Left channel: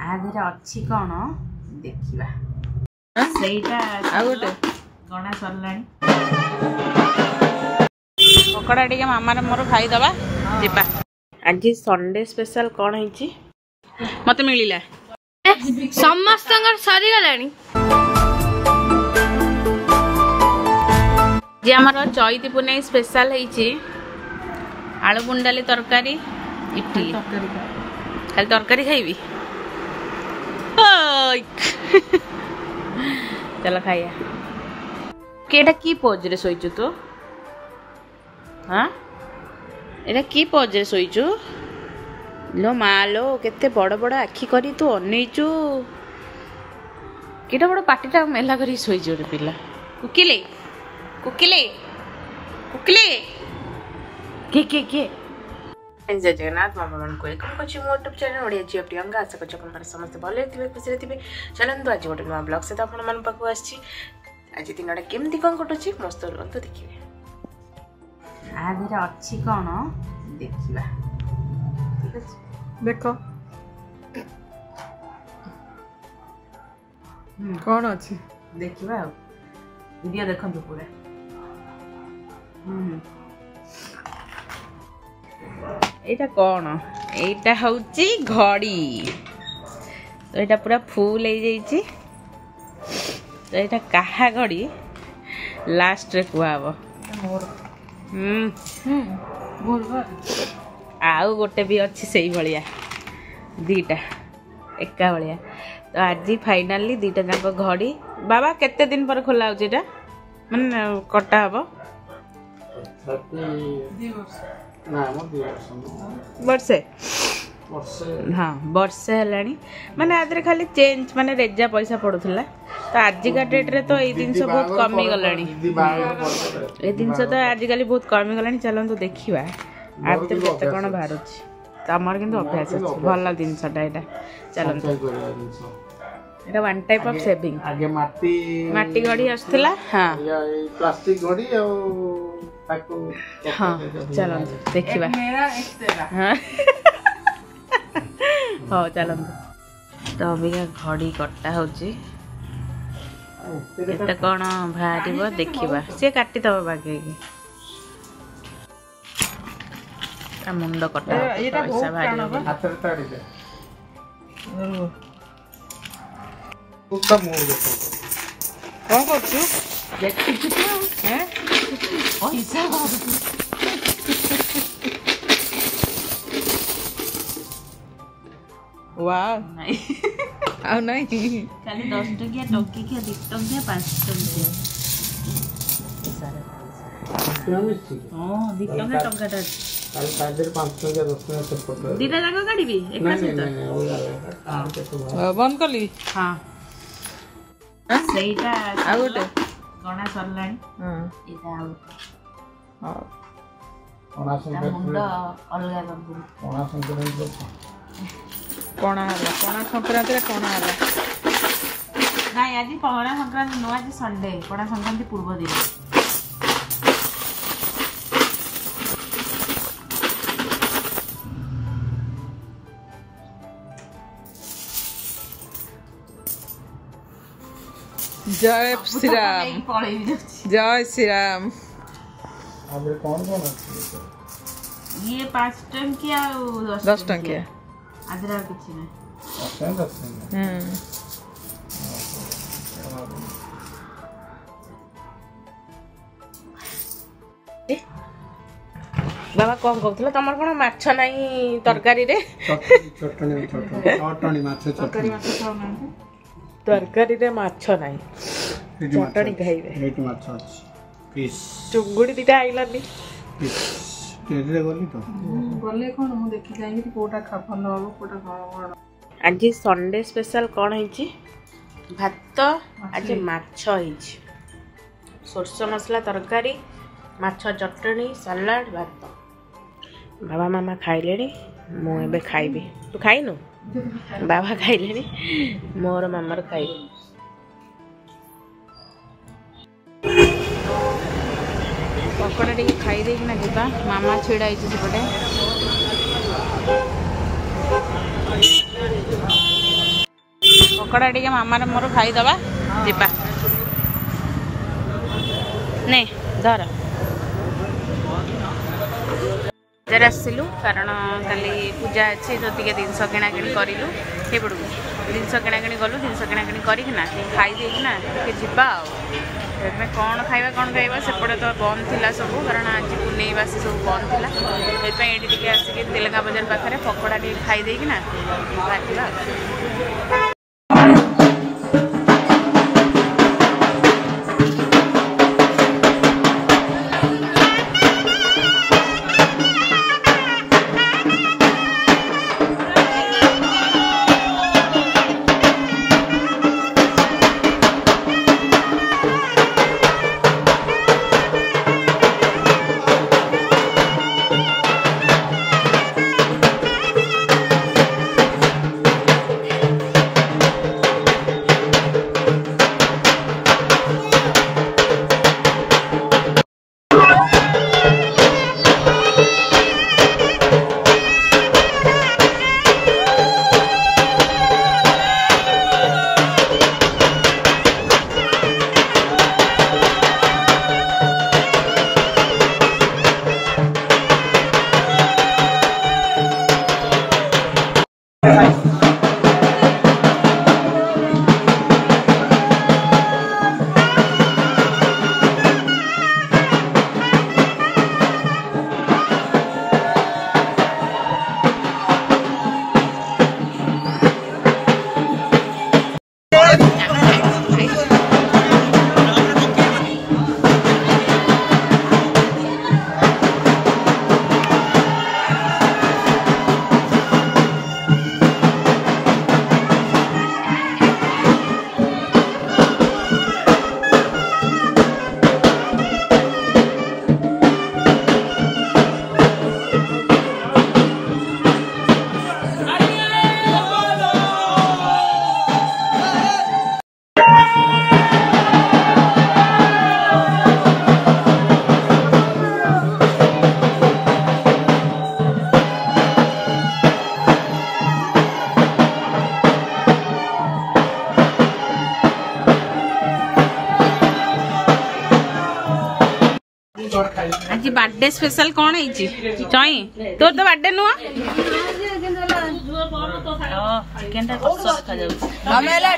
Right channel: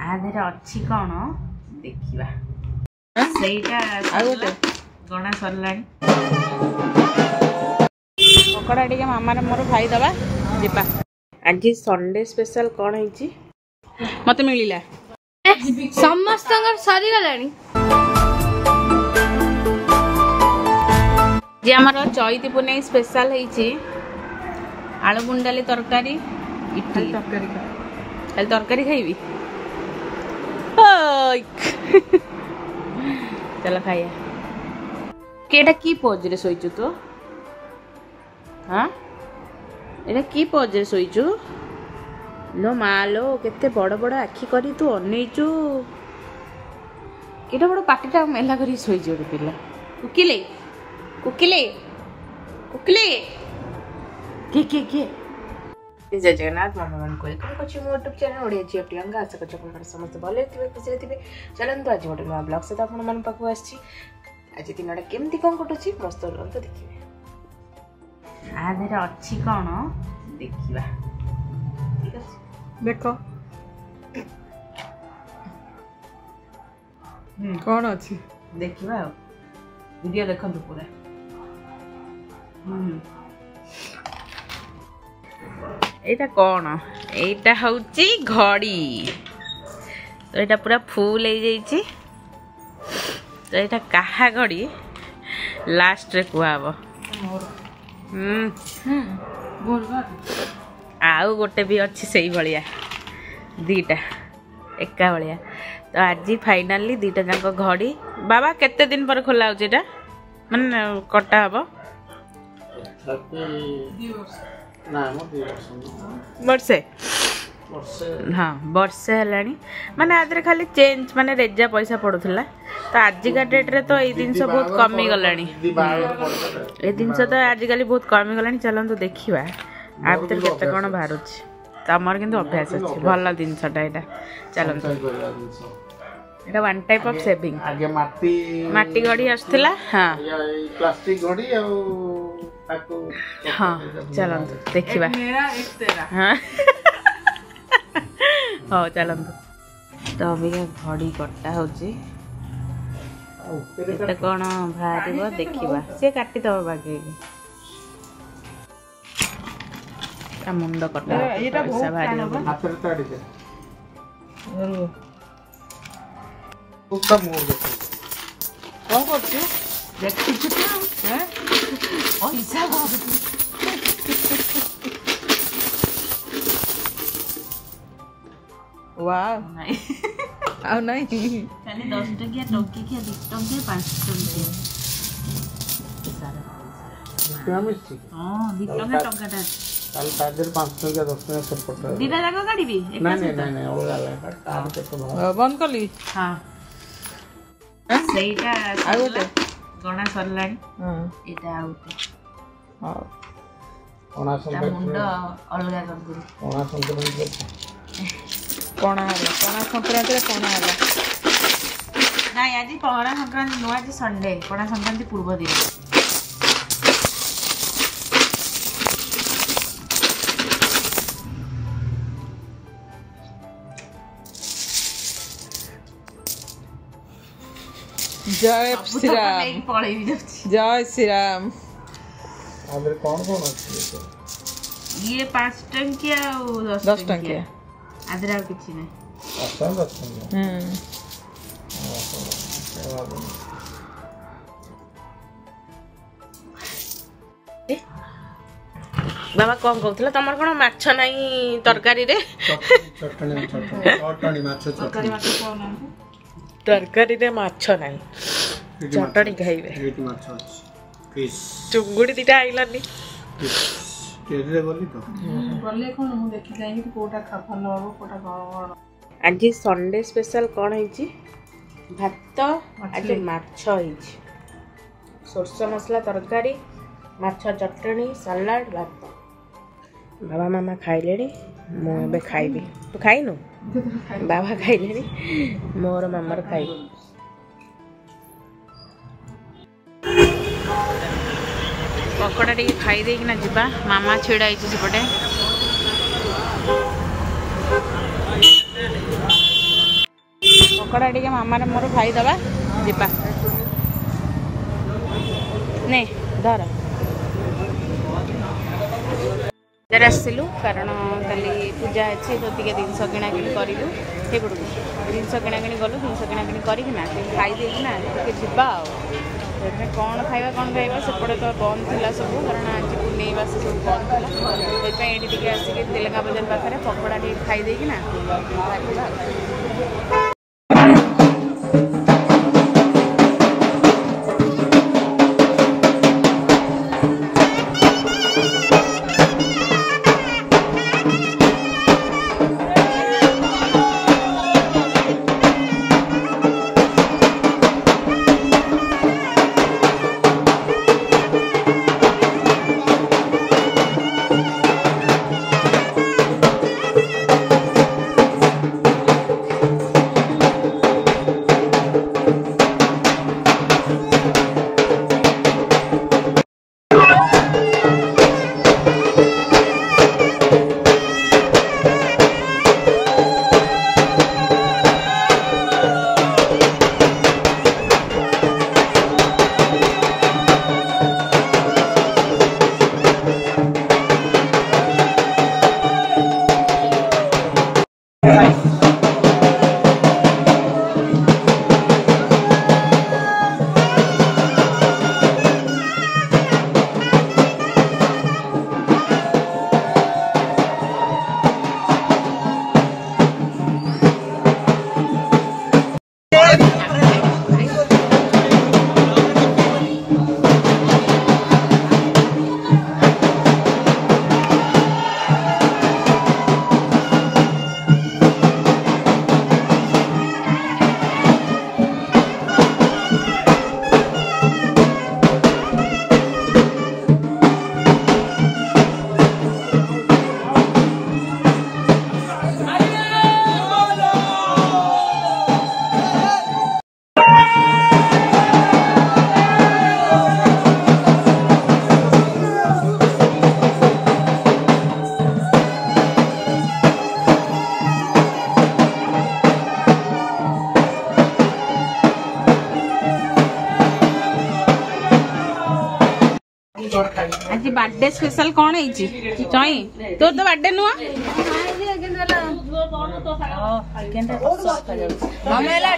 आधे अच्छी कौन देखा सहीटा गणा सरला पकड़ा टे मामार मोर खाईदबा जीवा आज संडे स्पेशल कौन है मत मिलला समस्त सरीगलानी जे आमर चैती पुणे स्पेशल है आलू गुंडाली तरकारी इडली खाली तरकारी खाइबी चलो खाइया केटा की पोज रे सोइचु तू हाँ एटा की पोज रे सोइचु लो मालो केते बड़ बड़ आखि करी तू अनेचु केटा बड़ पाटीटा मेला करी सोइचु रे पिला कुकिले कुकिले कुकिले के जय जगन्नाथ मामा मन को वेलकम करछि मो यूट्यूब चैनल ओडिया जी प्रियंका आशा करछि अपन समस्त भले थिबे खुशी थिबे चलंतु आज गोटे नुआ ब्लॉग से अपन मन पाखु आछि आज दिनटा केमती कोन कटुछि मस्त रंतु देखिबे आधेर अछि कोन देखिबा ठीक अछि देखो कौन अच्छी देखिबा वीडियो देखंतु पूरा एटा कौन एटा हउची घड़ी तो एटा पूरा फुल हो जाइए तो एटा कहा घड़ी लास्ट रे कुआब आउ गोटे भी अच्छी सही भलिया दीटा एका भलिया तो आज फाइनाली दीटा जाक घड़ी बाबा केते दिन पर खोला होची एटा माने कटा हबो वर्षे हाँ वर्षे है माने आदरे खाली चेंज माने रेजा पैसा पड़ूला तो आजिका डेट रे तो ये जिनस बहुत कमी गलानी ये जिनस तो आजिकल बहुत कमी गलानी चलतु देखा आ भर केते कौन बाहर तमर किंतु अभ्यास अच्छे भल जिनसटा यहाँ चलतु এটা वन टाइप ऑफ सेविंग आगे माटी घड़ी आसला हाँ प्लास्टिक घड़ी हाँ चलतु देखा हाँ हाँ चलतु तो अभी घड़ी कटा होची कौन बाहर देखा सी काटिदब बागे मुंड कटा पैसा बाहर कौन कर वाह नहीं खाली 10 टकिया टंकी किया 2 टंकिया 5 टंकिया हाँ 2 टंका टंकाटा काल काजर 5 टकिया 10 टकिया सब पड़ता दीटा जाको काढीबी नहीं ओला बंद करली हाँ सहीटा आ गोटे गणा सरलानी एटा आउट हां कोना संग मुंड अलगा कर दे कोना संग कोना संक्रांति कोना हला नहीं आज पहरा संक्रांति नो आज संडे कोना संक्रांति पूर्व दिन जय श्री राम जय श्री राम आगे कौन अच्छी ये 5 टंकिया 10 टंकिया आदरा किछि नै बाबा कौन कहला तमर कोन माछ नाही तरकारी रे चटनी माछ तरकारी रे माछ नाही चटनी खाइबे चुंगुड़ी दीटा आइलानी आज संडे स्पेशल कौन है भात आज माछ सोरस मसला तरकारी माछ चटनी सलाड भात बाबा मामा खाइले मुझे खाइबी तू खाइनु बाबा खाइले मोर मामार खाइ पकड़ा टे खाई देना जीवा मामा छिड़ा सेपटे पकोड़ा टे मामार मोर खाईदबा जीवा नहीं धर बजार आसलु कारण काली पूजा अच्छी तो टे जिनस किणाकिणी करूँ से पड़ू जिनस किणाकिणी गलु जिनस किणाकिणी करना खाई देना जीवा कौन खाଇବା कौन खाଇବା सेपटे तो बंद थिला सब कारण आज पुनेईवासी सब बंद थिला ये आसिक तेलंगा बजार पाखे पकोड़ा खाई देना बाहर आज बर्थडे स्पेशल कौन है चई तोर तो बर्थडे नुआ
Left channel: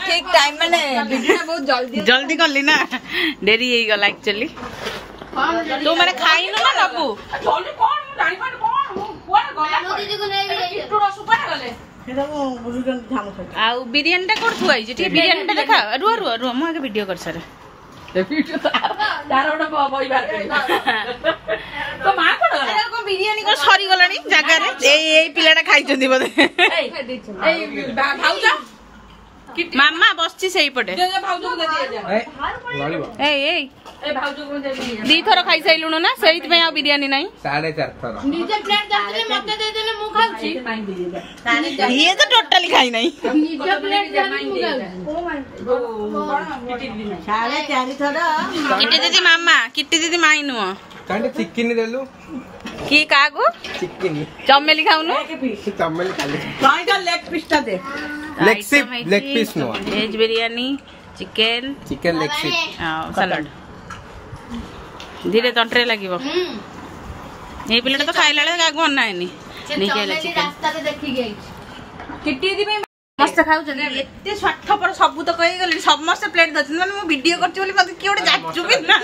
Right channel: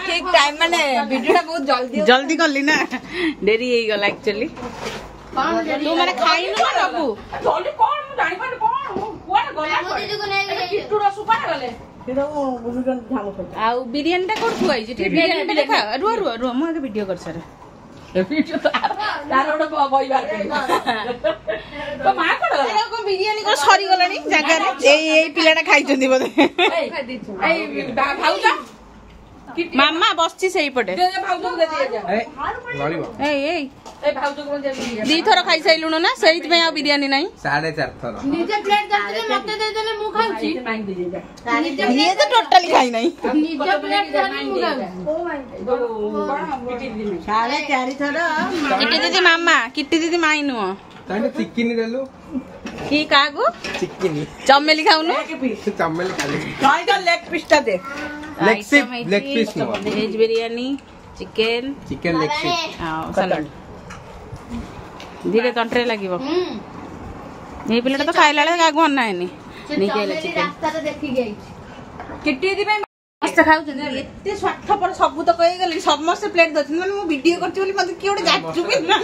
ठीक टाइम माने वीडियो बहुत जल्दी जल्दी करली ना डेरी हो गला एक्चुअली तू माने खाई न ना नबू जल्दी कोन जानि पान कोन कोन गला दीदी को नहीं किट्टू रसु पान गले आ बिरयानी टा कोड थुआई जे बिरयानी टा देखा रुआ रुआ रुआ मु आगे वीडियो कर सर वीडियो तार ओडे बई बार तो मा कोड गला को बिरयानी को सरी गलानी जागा रे एई पिलाटा खाइचंदी बोले एई भाउजा मामा बसची सही पटे भाउजो को दे जा ए एई ए भाउजो को दे दी थोर खाई सैलुनो ना सहित में आ बिरयानी नहीं 4.5 थोर निजे प्लेट जाके मते दे देले मु खाउची ये तो टोटली खाई नहीं निजे प्लेट जाके मु खाउची ओ माय 4.5 थोर किट्टी दीदी मामा किट्टी दीदी माई नुओ कांडे चिकन देलु की कागु चिकन चमेली खाउनु चमेली खाली काय का लेग पीस ता दे leg piece no veg biryani chicken leg piece हां सलाड धीरे तंत्रे लागिवो ए प्लेट तो खाइला ले कागु अन्ना हैनी नहीं केला चिकन रास्ता रे देखि गई किट्टी दी मस्त खाउछन एते स्वार्थपर सब तो कहि गेली समस्त प्लेट दछन माने मु वीडियो करछि बोली मते की ओडे जाचु कि ना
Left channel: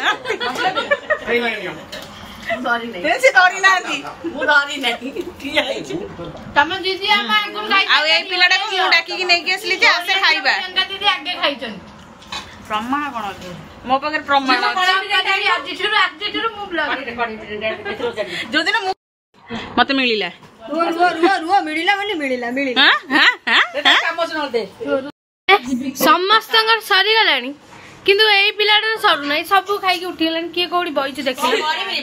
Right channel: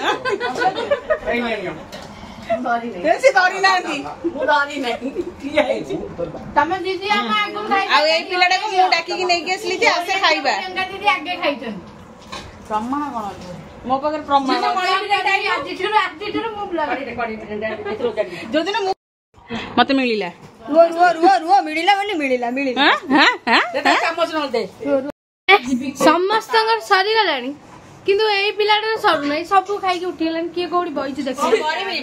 सॉरी नहीं ऐसे डरी नांती मु डरी नहीं की आइछि तमे दीदी हम आगु खाइ आ ए पिलाडा को मु डाकी कि नै गेसली जे आसे खाइबा दीदी आगे खाइछन प्रमाण कोन मो पाकर प्रमाण आज छुरु मु ब्लॉग जो दिन मते मिलिला रुआ मिलिला हां हां काम सुनते समस्त सरी गलानी किंतु ए पिलाटर सरू नै सब खाई के उठी गलानी के कोडी बइछ देखि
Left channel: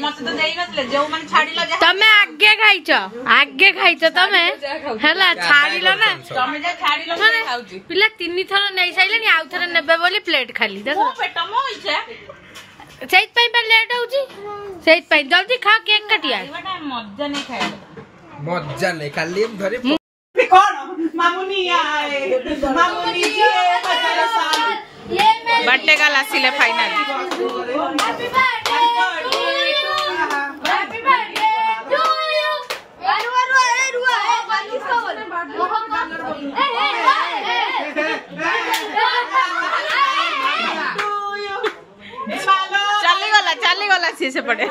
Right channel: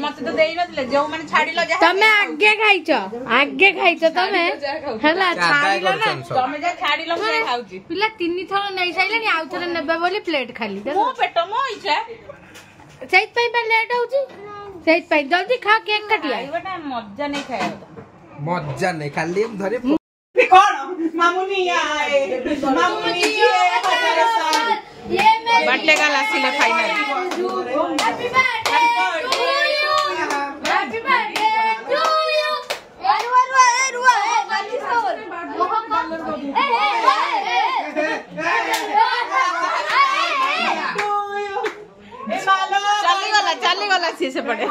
मते तो देई नतले जो माने छाडिला जा तमे आगे खाइछ तमे हला छाडिलो ना तमे जे छाडिलो मैं खाउची पिला 3 थर नै साइलानी आउ थर नेबे बोली प्लेट खाली देखो पेट मो इछा सेइत पई पे लेट होउची सेइत पई जल्दी खा केक काटिया बेटा मजा नहीं खाया मजा नहीं खाली धरे कौन मामुनी आए मामुनी बर्थडे का लासिले फाइनल चाली गला सी से पड़े